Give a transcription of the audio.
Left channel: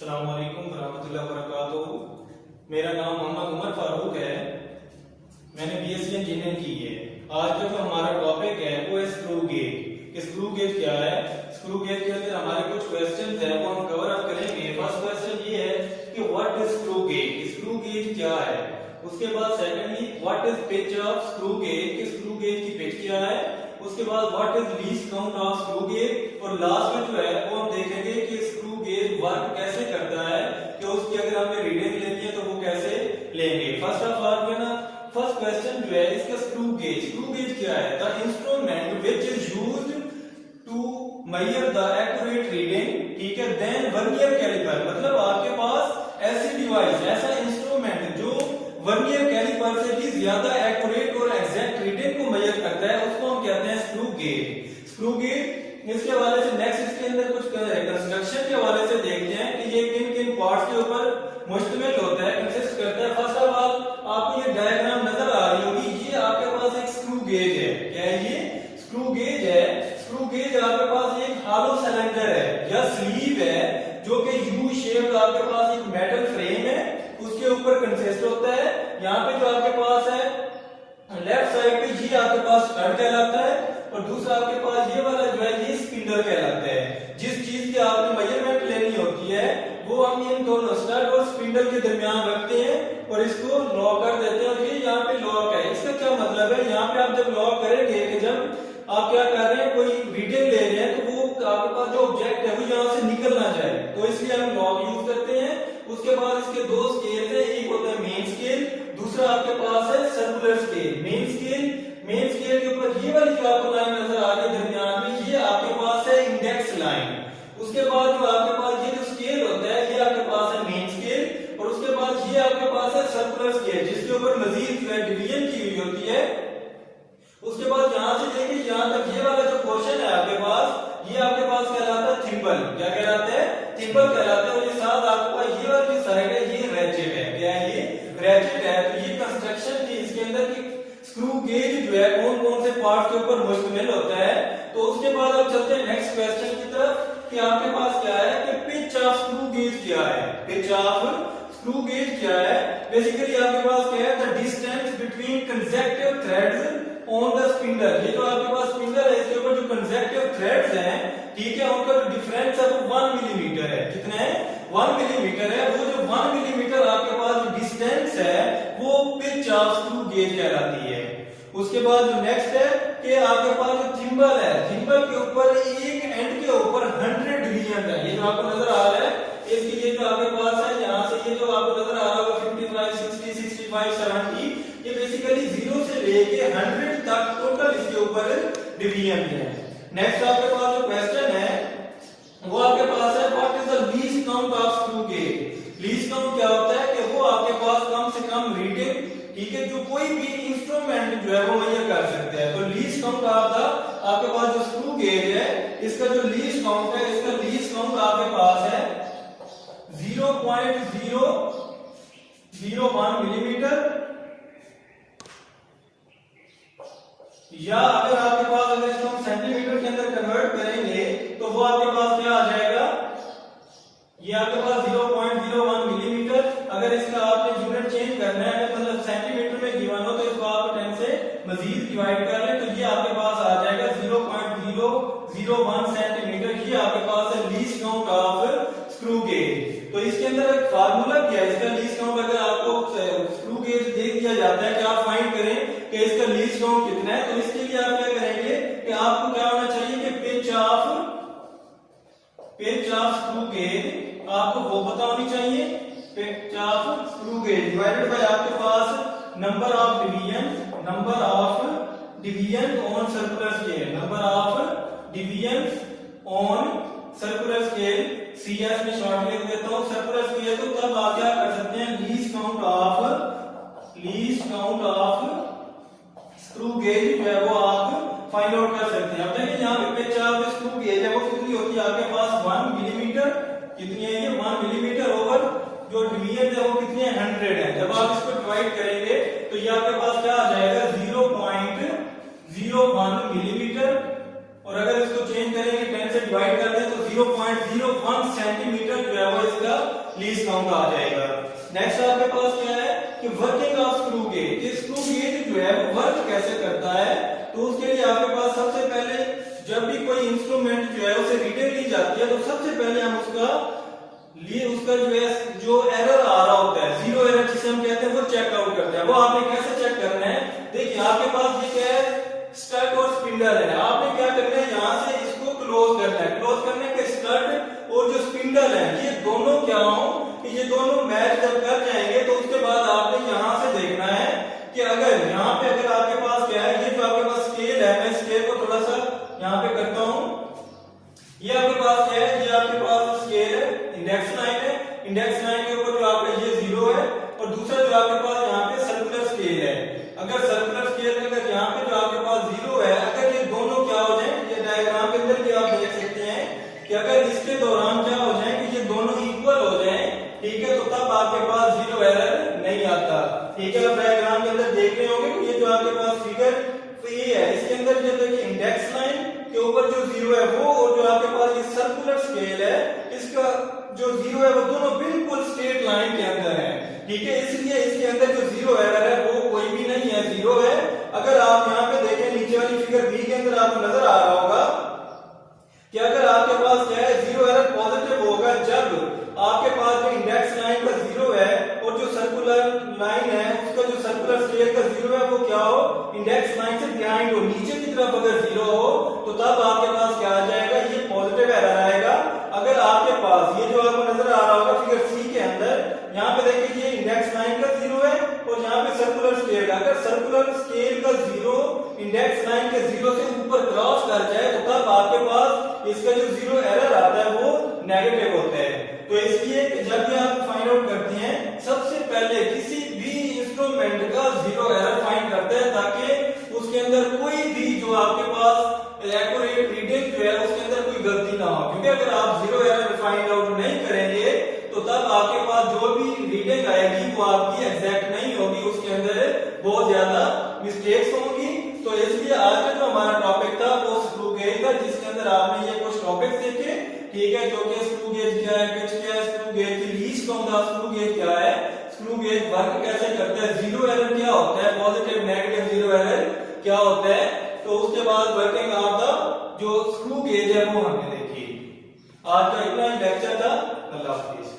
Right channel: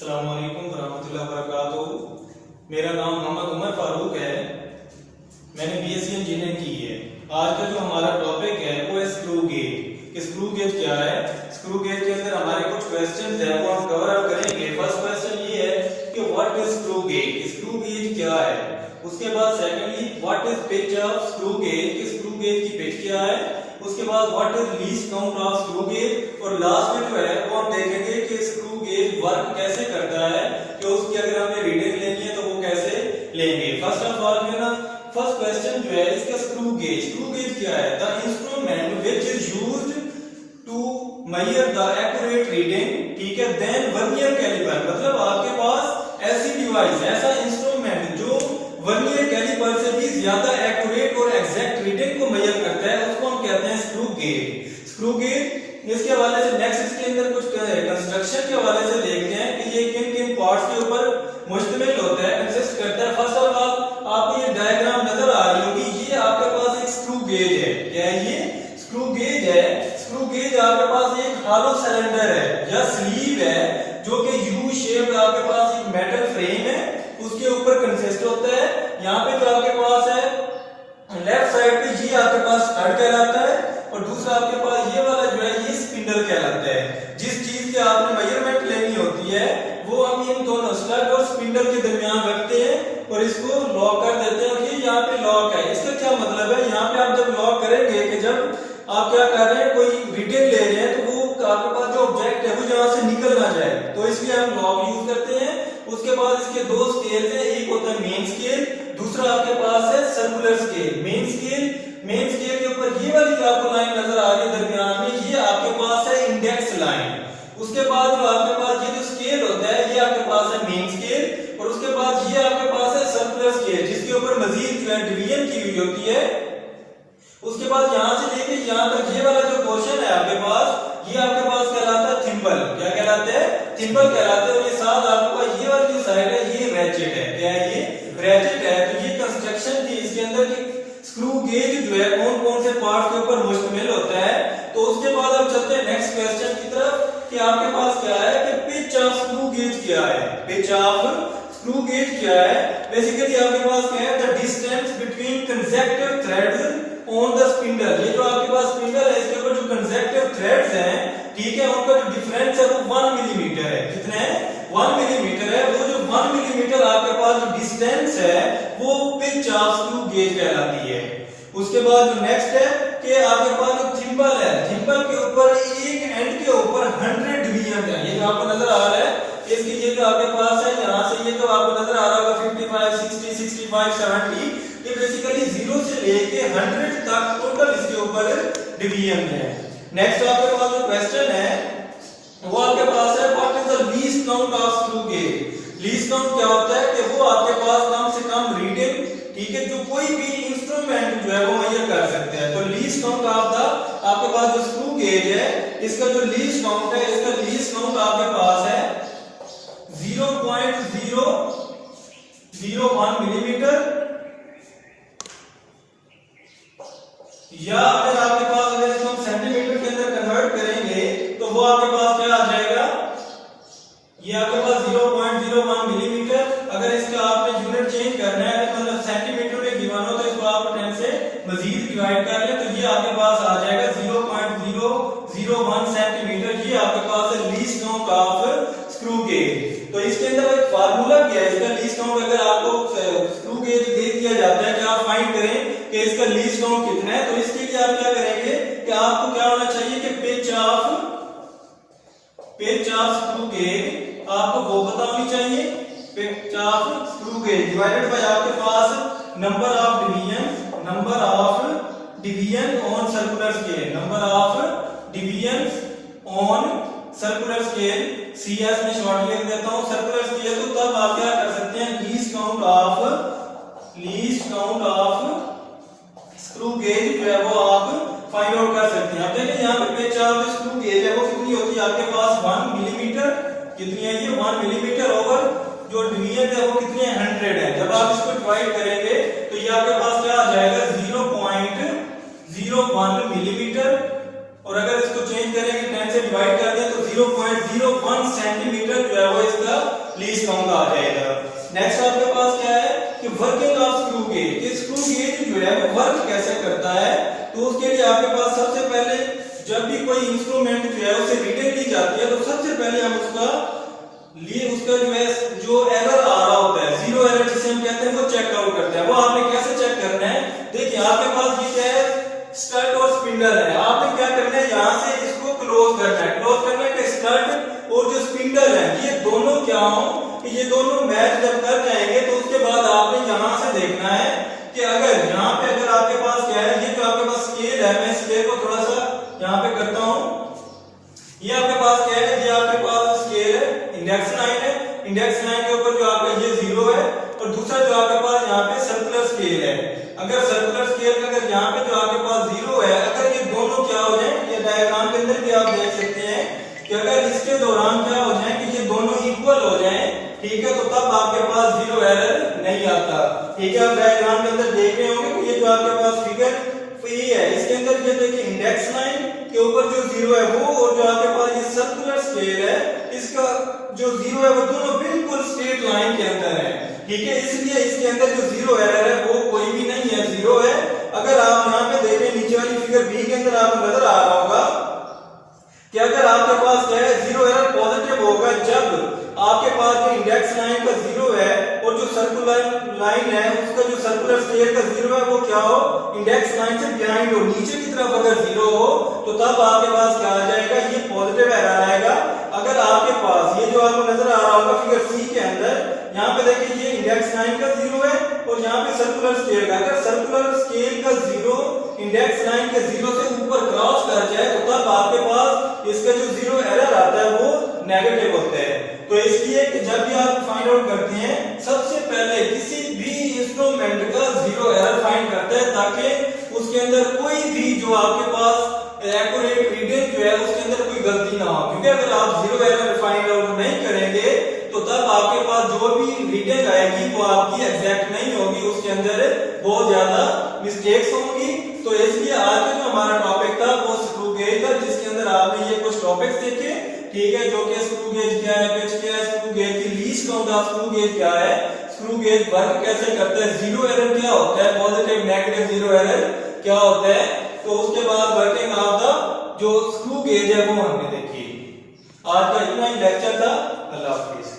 अस्सलाम वालेकुम वरहमतुल्लाहि वबरकातुहू। मेरा नाम मोहम्मद उमर फारूक है। मैंने बीएससी इंजीनियरिंग की है। आज का जो हमारा टॉपिक है वो है स्क्रू गेज। स्क्रू गेज क्या है? स्क्रू गेज के अंदर हमारे कुछ क्वेश्चंस हैं वो हम कवर अप करेंगे। फर्स्ट क्वेश्चन ये है कि what is screw gauge? Screw gauge क्या है? उसके बाद secondly what is pitch of screw gauge? Screw gauge की पिच क्या है? उसके बाद what is least count of screw gauge? और लास्ट में जो है वो हम देखेंगे कि स्क्रू गेज वर्क कैसे करता है, कि उसकी अगर हमें रीडिंग लेनी है तो वो कैसे लेंगे। फर्स्ट ऑफ ऑल जो है ना, फर्स्ट क्वेश्चन जो है इसका स्क्रू गेज क्या है? The instrument which is used to measure the accurate reading, ठीक है, देन वर्नियर कैलिपर। मतलब आपके पास ऐसी डिवाइस, ऐसा इंस्ट्रूमेंट जो वर्नियर कैलिपर से भी ज्यादा एक्यूरेट और एग्जैक्ट रीडिंग को मेजर करता है, उसको हम कहते हैं स्क्रू गेज। स्क्रू गेज इसके हवाले से नेक्स्ट इसके अंदर कुछ कंस्ट्रक्शन के हवाले से देखते हैं कि ये किन किन पार्ट्स के ऊपर मुश्तमिल होता है, कंसिस्ट करता है। फर्स्ट ऑफ ऑल आपको ये डायग्राम नजर आ रही होगी, ये आपके पास एक स्क्रू गेज है। क्या है ये? स्क्रू गेज है। स्क्रू गेज आपके पास एक हॉलो सिलेंडर है या स्लीव है जो कि यू शेप, आपके पास एक मेटल फ्रेम है, उसके ऊपर कंसिस्ट होता है। यहाँ पे जो आपके पास है लेफ्ट साइड पे ये आपके पास स्टड कहलाता है और दूसरा आपके पास ये वाला जो है ये स्पिंडल कहलाता है। जिस चीज की आपने मेजरमेंट लेनी होती है वो हम इन दोनों स्टड और स्पिंडल के दरमियान रखते हैं और इसको लॉक कर देते हैं। और ये यहाँ पे लॉक है। इसका क्या मतलब है? यहाँ पे आप जब लॉक करेंगे कि जब आप क्या कर रहे हैं, कोई रीडिंग ले रहे हैं तो वो आपके पास जो ऑब्जेक्ट है वो यहाँ से निकल ना जाए, तो इसलिए हम लॉक यूज करते हैं। उसके बाद इसके दो स्केल है, एक होता है मेन स्केल, दूसरा आपके पास है सर्कुलर स्केल। मेन स्केल के ऊपर ये वाली जो आपको लाइन नजर आ रही है दरमियान में, ये आपके पास है इंडेक्स लाइन। उसके बाद जो आपके पास ये जो स्केल होता है ये आपके पास है मेन स्केल और उसके बाद ये आपके पास है सर्कुलर स्केल जिसके ऊपर मजीद जो है डिवीजन की हुई होती है। उसके बाद यहां से लेके यहां तक ये वाला जो पोर्शन है आपके पास, ये आपके पास कहलाता है थिम्बल। क्या कहलाता है? थिम्बल कहलाता है। और ये साथ आपको ये वाली जो साइड है ये रैचेट है। क्या है ये? रैचेट है। तो ये कंस्ट्रक्शन थी इसके अंदर कि स्क्रू गेज जो है कौन कौन से पार्ट के ऊपर मुश्तमिल होता है। तो उसके बाद अब चलते हैं नेक्स्ट क्वेश्चन की तरफ कि आपके पास क्या है कि पिच ऑफ स्क्रू गेज क्या है? पिच ऑफ स्क्रू गेज क्या है? बेसिकली आपके पास क्या है? The distance between consecutive threads on the spindle. ये जो आपके पास स्पिंडल है इसके ऊपर जो कंसेक्टिव थ्रेड्स हैं, ठीक है, उनका जो डिफरेंस है वो 1 मिलीमीटर है। कितना है? 1 मिलीमीटर है। वो जो 1 मिलीमीटर आपके पास जो डिस्टेंस है वो पिच ऑफ स्क्रू गेज कहलाती है। उसके बाद जो नेक्स्ट है कि आपके पास जो थिम्बल है, थिम्बल के ऊपर एक एंड के ऊपर 100 डिवीजन है। ये जो आपको नजर आ रहा है इसकी ये जो आपके पास है यहाँ से ये जो आपको नजर आ रहा होगा 55, 60, 65, 70, ये बेसिकली 0 से लेके 100 तक टोटल इसके ऊपर डिवीजन है। नेक्स्ट आपके पास जो क्वेश्चन है वो आपके पास है what is the least count of screw gauge? Least count क्या होता है कि वो आपके पास कम से कम रीडिंग, ठीक है, जो कोई भी इंस्ट्रूमेंट जो है वो मेजर कर सकते हैं। तो लीस्ट काउंट ऑफ द आपके पास जो स्क्रू गेज है इसका जो लीस्ट काउंट है, इसका लीस्ट काउंट आपके पास है 0.001 मिलीमीटर। या अगर आपके पास अगर इसको सेंटीमीटर के अंदर कन्वर्ट करेंगे तो वो आपके पास क्या आ जाएगा? ये आपके पास 0.01 मिलीमीटर। अगर इसका आपने यूनिट चेंज करना है मतलब सेंटीमीटर में गिवन हो तो इसको आप 10 से मजीद डिवाइड कर ले तो ये आपके पास आ जाएगा 0.001 सेंटीमीटर। ये आपके पास है least count of screw gauge. तो इसके अंदर एक फार्मूला क्या है इसका लीस्ट काउंट? अगर आपको स्क्रू गेज दे दिया जाता है कि आप फाइंड करें कि इसका लीस्ट काउंट कितना है, तो इसके लिए आप क्या करेंगे कि आपको क्या होना चाहिए कि पिच ऑफ स्क्रू गेज आपको वो पता होनी चाहिए। Pitch of screw gauge divided by आपके पास number of division on circular scale, number of division on circular scale. CS में शॉर्ट लिख देता हूं सर्कुलर स्केल। तो तब आप क्या कर सकते हैं? Least count of screw gauge जो है वो आप फाइंड आउट कर सकते हैं। अब देखिए यहाँ पे पिच ऑफ स्क्रू गेज है वो कितनी होती है आपके पास? 1 मिलीमीटर। कितनी है ये? 1 मिलीमीटर ओवर जो डिवीजन है वो कितने 100 है। जब आप इसको डिवाइड करेंगे तो ये आपके पास क्या आ जाएगा? 0.01 मिलीमीटर। और अगर इसको चेंज करेंगे 10 से डिवाइड कर दें तो 0.01 सेंटीमीटर जो है वो इसका लीस्ट काउंट आ जाएगा। नेक्स्ट आपके पास क्या है कि working of screw gauge. Screw gauge जो है वो वर्क कैसे करता है, तो उसके लिए आपके पास सबसे पहले जब भी कोई इंस्ट्रूमेंट जो है उसे रीडिंग ली जाती है तो सबसे पहले हम उसका जो है जो एरर आ रहा होता है, जीरो एरर जिसे हम कहते हैं, वो चेक आउट करते हैं। वो आपने कैसे चेक करना है, देखिए आपके पास ये क्या है, स्टड और स्पिंडल है। आपने क्या करना है, यहाँ से इसको क्लोज करना है। क्लोज करने के स्टड और जो स्पिंडल है ये दोनों क्या हो, ये दोनों मैच जब कर जाएंगे तो उसके बाद आपने यहाँ से देखना है कि अगर यहाँ पे अगर आपके पास क्या है, ये जो आपके पास स्केल है, मैं स्केल को थोड़ा सा यहाँ पे करता हूँ। ये आपके पास क्या है, ये आपके पास स्केल है, इंडेक्स लाइन है। इंडेक्स लाइन के ऊपर जो आपका ये जीरो है और दूसरा जो आपके पास यहाँ पे सर्कुलर स्केल है। अगर सर्कुलर स्केल में अगर यहाँ पे जो आपके पास जीरो है, अगर ये दोनों क्या हो जाए, ये डायग्राम के अंदर भी आप देख सकते हैं कि अगर इसके दौरान क्या हो जाए कि ये दोनों इक्वल हो जाए, ठीक है, तो तब आपके पास जीरो एरर नहीं आता। ठीक है, आप डायग्राम के अंदर देख रहे होंगे कि ये जो आपके पास फिगर ये है, इसके अंदर ये देखिए इंडेक्स लाइन के ऊपर जो जीरो है वो, और जो आपके पास ये सर्कुलर स्केल है इसका जो जीरो है वो दोनों बिल्कुल स्ट्रेट लाइन के अंदर है। ठीक है, इसलिए इसके अंदर जो जीरो एरर है वो कोई भी नहीं है, जीरो है। अगर आप यहाँ पे देखें नीचे वाली फिगर बी के अंदर आपको नजर आ रहा होगा कि अगर आपके पास क्या है, जीरो एरर पॉजिटिव होगा जब आपके पास जो इंडेक्स लाइन का जीरो है और जो सर्कुलर लाइन है उसका जो सर्कुलर स्केल का जीरो है वो क्या हो, इंडेक्स लाइन से बिहाइंड हो, नीचे की तरफ अगर जीरो हो तो तब आपके पास क्या आ जाएगा, ये पॉजिटिव एरर आएगा। अगर आपके पास ये जो आपको नजर आ रहा होगा फिगर सी के अंदर, यहाँ पे देखिए ये इंडेक्स लाइन का जीरो है और यहाँ पे सर्कुलर स्केल का, अगर सर्कुलर स्केल का जीरो इंडेक्स लाइन के जीरो से ऊपर क्रॉस कर जाए तो तब आपके पास इसका जो जीरो एरर आता है वो नेगेटिव होता है। तो इसलिए जब भी आप फाइंड आउट करते हैं सबसे पहले किसी भी इंस्ट्रूमेंट का जीरो एरर फाइंड करते हैं ताकि उसके अंदर कोई भी जो आपके पास एक्यूरेट रीडिंग जो है उसके अंदर कोई गलती ना हो, क्योंकि अगर आप जीरो एरर फाइंड आउट नहीं करेंगे तो तब आपके पास जो भी रीडिंग आएगी वो आपकी एग्जैक्ट नहीं होगी, उसके अंदर बहुत ज्यादा मिस्टेक्स होंगी। तो इसलिए आज का जो हमारा टॉपिक था वो स्क्रू गेज था, जिसके अंदर आपने ये कुछ टॉपिक्स देखे, ठीक है, जो कि स्क्रू गेज क्या है, पिच क्या है, स्क्रू गेज की least count of screw gauge क्या है, स्क्रू गेज वर्क कैसे करता है, जीरो एरर क्या होता है, पॉजिटिव नेगेटिव जीरो एरर क्या होता है। तो उसके बाद वर्किंग ऑफ द जो स्क्रू गेज है वो हमने देखी। आज का इतना ही लेक्चर था। अल्लाह हाफिज।